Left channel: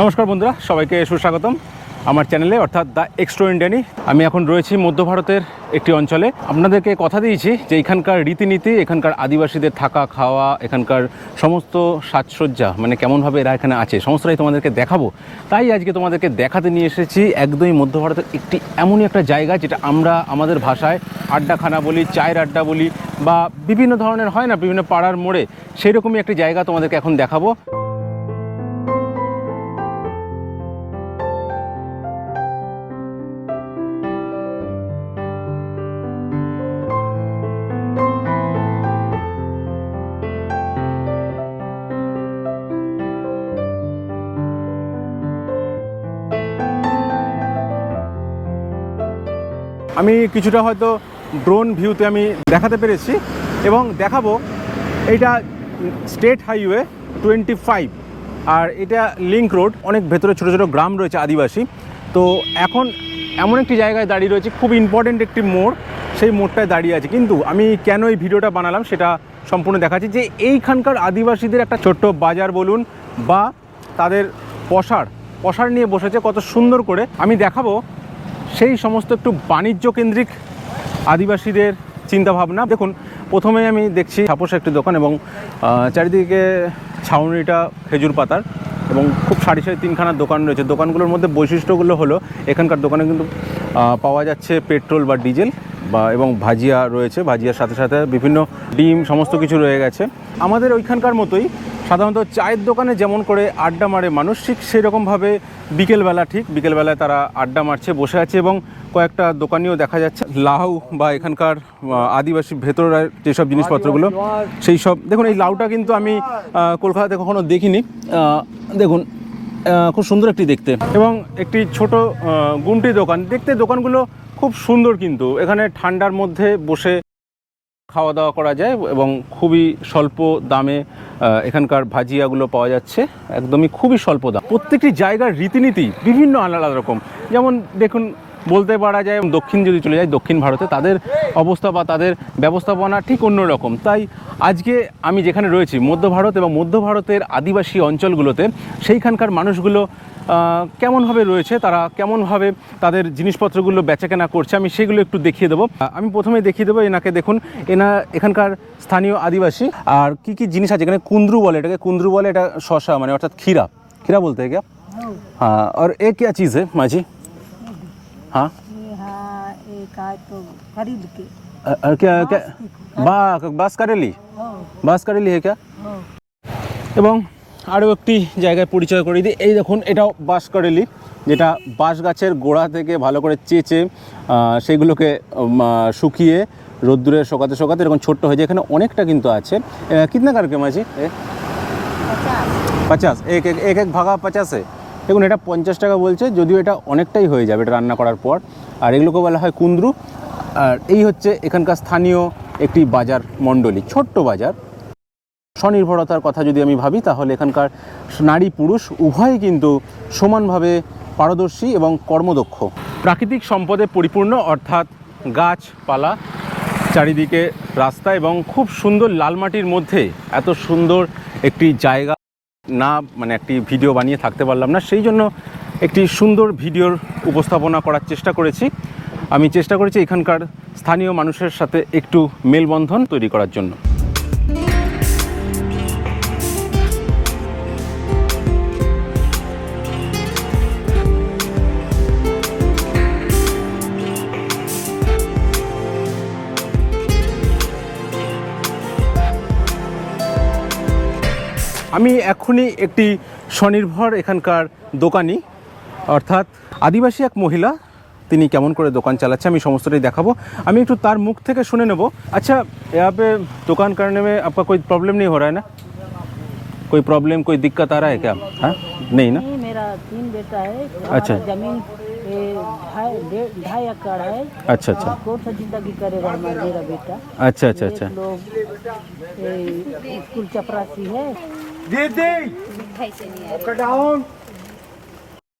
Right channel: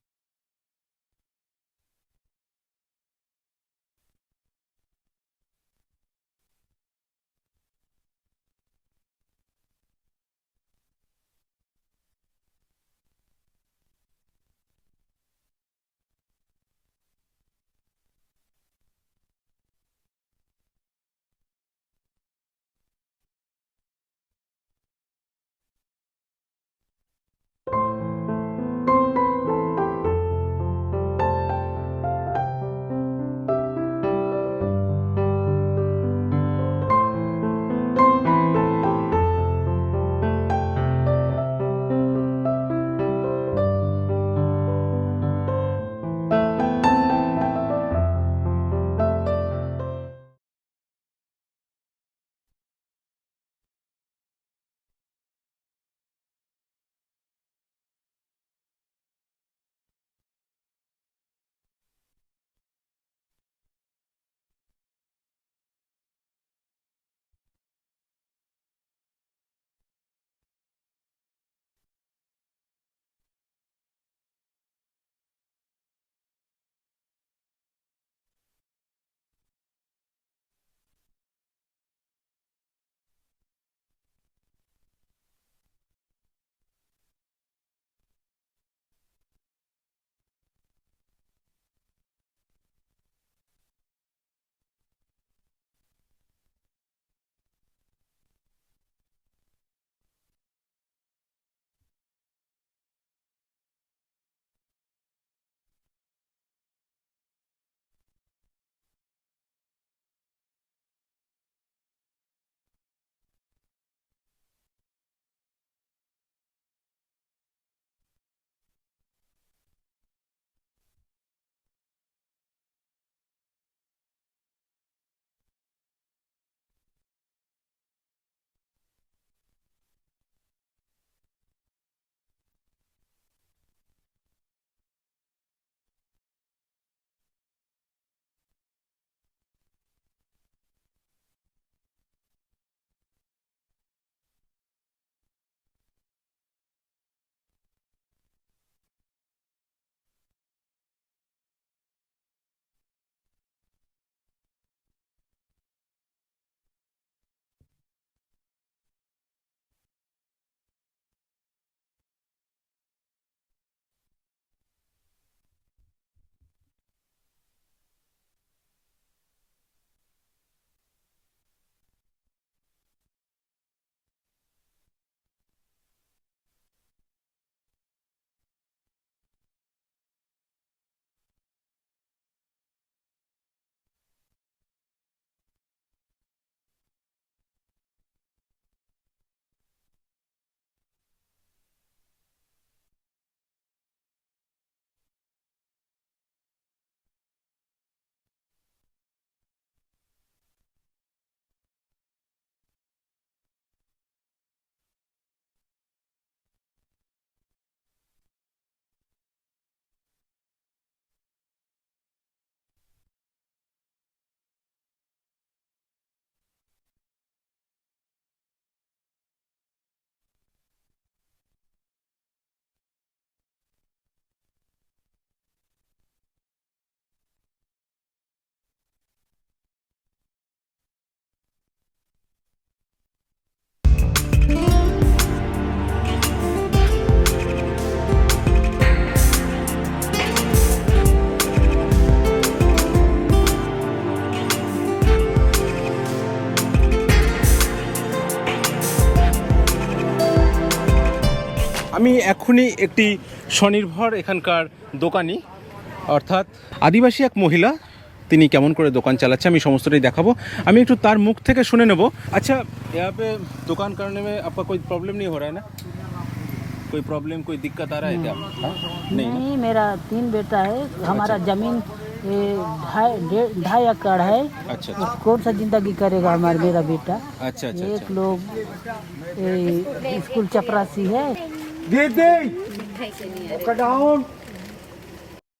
নমস্কার বন্ধুরা, সবাইকে সুস্বাগতম আমার চ্যানেলে অর্থাৎ দ্য এক্সট্রা ইন্ডিয়ানি। আমি এখন রয়েছি মধ্য ভারতের একটি অঞ্চলে। আপনাদেরকে কথা দিয়েছি যে এখানকার রীতিনীতি, এখানকার আদিবাসীদের থাকা খাওয়া, এখানকার সমস্ত সাজসজ্জা মানে কেমনভাবে এরা এখানে আছে সমস্তটাই তোমাদেরকে দেখাবো। তাই আজকে তোমাদেরকে দেখাতে নিয়ে এসেছি একদমই মধ্য ভারতের একটি এমনই একটা জায়গা যেটা আমরা আমাদের ভাষায় আড্ডাখানা বলি, চায়ের আড্ডা বলি, বা বিভিন্ন ধরনের হয় না বিভিন্ন পাড়ার মোড়ে, সেই রকমই একটি জায়গা তোমাদেরকে এখন দেখাবো। আমি কিছুটা হয়তো ড্রোন ভিউতে আমি দেখাতে পেরেছি এবং দেখাবো। এইটা স্টেট হাইওয়ে 25 আর এটা লিঙ্ক রোড। অনেক ভেতরে ছোটো ছোটো গ্রাম রয়েছে আদিবাসী। তো এখন এমন একটি জায়গায় দাঁড়িয়ে রয়েছে, খুব ইম্পর্টেন্ট একটি মোড়, সেই মোড়টায় দাঁড়িয়ে আছে। কিন্তু আমি কেন এই ভিডিওটা বানালাম সেটা সম্পূর্ণ দেখাচ্ছি যে এইখানকার আদিবাসীদের একটা ছোট্ট বাজার বলুন বা তাদের পসার নিয়ে বসেছে কত সুন্দর করে। আমি দেখাবো সেই সমস্ত একটু বাণিজ্য কেন্দ্রিক আদিবাসীদের চিন্তাভাবনা। দেখুন, প্রথমে আমি দেখছি ছাপোস একটি দোকান এবং চারিদিকে ছাউনিটা খেজুর পাতার এবং খুব সারি সারি তিনখানার দোকান রয়েছে। দোকানগুলোর মধ্যে বৈশিষ্ট্যগুলো হলো এখানকার দোকানে কিন্তু পাওয়া যাচ্ছে পেট্রোল বা ডিজেল এবং ভাজিয়া রয়েছে। ভাজিয়ার সাথে সাথে বিভিন্ন ডিম সমস্ত কিছু রয়ে গেছে। আমাদের ওইখানকার মতোই সাধারণত চায়ের দোকানে যেমন করে আড্ডা মারে মানুষ, ঠিক সেরকমভাবে বিকেলবেলায় তারা আড্ডা মারছে, বসে আছে এবং কয়েকটা দোকানিও দেখা যাচ্ছে। লাউ বা এখানকার আদিবাসী ভেতরের যেসব জিনিসপত্রগুলো সেই সব। দেখুন, এই লাউটা কিন্তু আমি কলকাতাতে কখনো দেখিনি। দেখুন, খুব সুন্দর একটি দেখতে এবং একটি ছোট গুমটি দোকান দেখতে। দোকানগুলো খুব সুন্দর, কিন্তু এখানে ঠান্ডার মধ্যে বসে খাওয়া দাওয়া করা যায় এবং খুবই স্বল্প দামে এখানকার ভাজিয়াগুলো পাওয়া যাচ্ছে, একদমই খুবই স্বল্প দাম। প্রত্যেকটি জায়গার রীতিনীতি বিভিন্ন আলাদা রকম। যেমন দেখুন, বলতে পারা যায় দক্ষিণ যদি চলে যায়, দক্ষিণ ভারতে তাদের অবস্থা বা তাদের ব্যবস্থাপনা ঠিক অন্য রকম। তাই আজকে আমি যেখানে রয়েছি মধ্য ভারত এবং মধ্য ভারতের আদিবাসী অঞ্চলগুলোতে, সেইখানকার মানুষগুলো কেমনভাবে রয়েছে, তারা কেমনভাবে তাদের জিনিসপত্রগুলো বেচাকেনা করছে, আমি সেগুলো একটু দেখিয়ে দেবো। আমি প্রথমে দেখিয়ে দেবো এনাকে। দেখুন, এখানকার স্থানীয় আদিবাসী। আর কি কি জিনিস আছে এখানে? কুন্দ্রু বলে এটাকে, কুন্দ্রু বলে এটা শশা মানে অর্থাৎ खीरा बोलते हैं क्या? हाँ। और एक क्या चीज़ है माजी? हाँ, एक तो खरीद के क्या बास करेली है क्या? এবং আরও একটি জায়গায় পরিচয় করে দিই। এই দেখুন, এটাও বাঁশ কারেলি, যেটা বাঁশ গাছের গোড়া থেকে ভালো করে চেঁচে সেইগুলোকে শুকিয়ে রোদ্দুরে শোকাতে এরকম ছোট্ট হয়ে যায়। এখানে অনেকটা কিন্তু আছে। কিতনা কারকে মাঝি? 50 এক ভাগা 50। দেখুন, এটা 50 টাকা বলছে, যদিও এটা অনেকটাই হয়ে যাবে এটা রান্না করার পর। আর এগুলোকে বলা হয় কুন্দ্রু। আর এই হচ্ছে এখানকার স্থানীয় একটি বাজার মণ্ডলী, ছোট্ট বাজার। স্বনির্ভরতার কথা যদি আমি ভাবি, তাহলে এখানকার নারী পুরুষ উভয়ই কিন্তু সমানভাবে পারদর্শী এবং কর্মদক্ষ। প্রাকৃতিক সম্পদে পরিপূর্ণ, অর্থাৎ গাছপালা, চারিদিকে রাস্তা এবং খুব সুন্দর লাল মাটির মধ্যে এত সুন্দর একটি জায়গা না মানে একটি ভিডিও বানিয়ে থাকতে পারলাম না। সেই জন্য একটি সুন্দর ভিডিওর উপস্থাপনা করার চেষ্টা করেছি। আমি চেষ্টা করেছি এখানকার স্থানীয় মানুষের সাথে একটু মেলবন্ধন তৈরি করার জন্য। আমি এখনই একটি স্বনির্ভর এখানকার দোকানি অর্থাৎ আদিবাসী এক মহিলা, তিনি কেমন করে দোকান চালাচ্ছে আমি সমস্তটাই দেখাবো। আমি একটু তার মুখ থেকে শুনে নেব। আচ্ছা, यहाँ पे दुकान करने में आपका कोई प्रॉब्लम नहीं हो रहा है ना? कोई प्रॉब्लम, कोई दिक्कत आ रहा है क्या? हाँ, नहीं ना? मेरा 3 बेटा है। अच्छा। हमारा जमीन 2.5 एकड़ है। अच्छा। कौन सा जिंदगी करेगा हमारा मेरा बेटा? अच्छा। एक लोग स्कूल चपरासी है।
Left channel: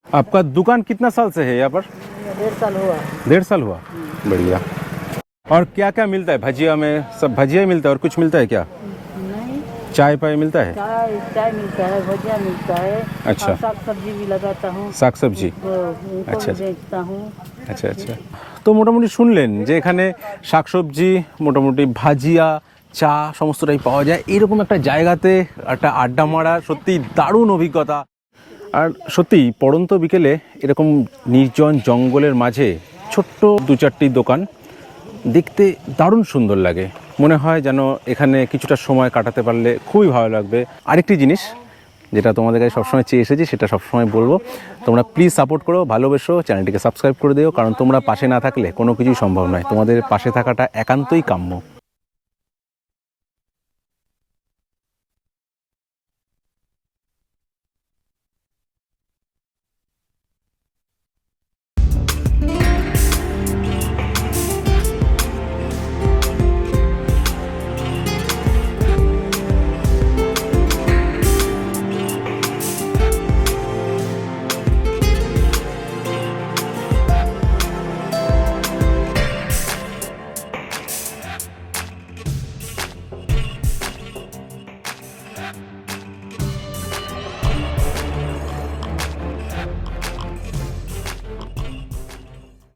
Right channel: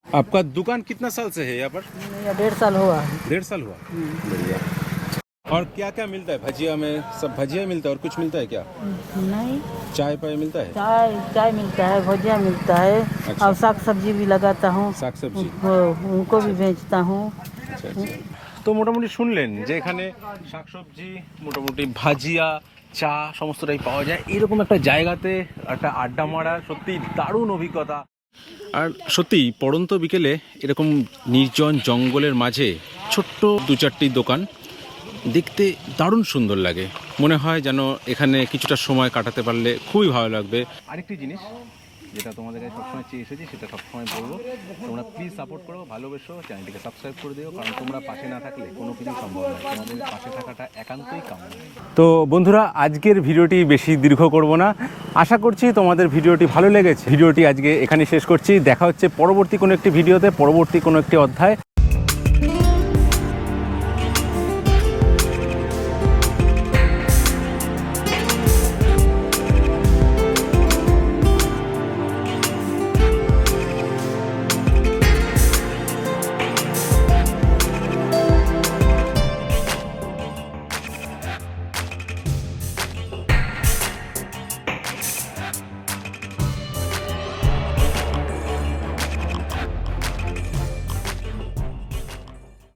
आपका दुकान कितना साल से है यहाँ पर? 1.5 साल हुआ। 1.5 साल हुआ। बढ़िया। और क्या क्या मिलता है भजिया में? सब भजिया ही मिलता है और कुछ मिलता है क्या? नहीं, चाय पाई मिलता है? चाय चाय मिलता है, भुजिया मिलता है। अच्छा। और साग सब्जी भी लगाता हूँ, साग सब्जी। उनको अच्छा। भी बेचता हूँ। আচ্ছা আচ্ছা। তো মোটামুটি শুনলেন যে এখানে শাকসবজি, মোটামুটি ভাজিয়া, চা সমস্তটাই পাওয়া যায়। এরকম একটা জায়গাতে একটা আড্ডা মারা সত্যি দারুণ অভিজ্ঞতা। আর সত্যি পড়ন্ত বিকেলে এরকম নির্জন জঙ্গলের মাঝে ছোট্ট দু চারটি দোকান দেখতে দারুণ সুন্দর লাগে। মনে হয় যেন এখানে কিছুটা সময় কাটাতে পারলে খুবই ভালো লাগবে। আরেকটি জিনিস যেটা তোমাদের কাছে সবসময় চেয়ে এসেছি, সেটা সবসময় বলবো, তোমরা প্লিজ সাপোর্ট করো, ভালোবেসো, চ্যানেলটিকে সাবস্ক্রাইব করে দিও, কারণ তোমরা পাশে না থাকলে কোনো কিছুই সম্ভব নয়। তোমাদের পাশে থাকাটা একান্তই কাম্য। তো বন্ধুরা, আজকের ভিডিওটি বেশি দীর্ঘ করব না। আশা করছি তোমাদের ভিডিওটি ভালো লেগেছে। ভিডিওটি আজকে এখানে শেষ করছি। দেখা হচ্ছে পরবর্তী কোনো একটি ভিডিওতে, পরবর্তী কোনো একটি অধ্যায়।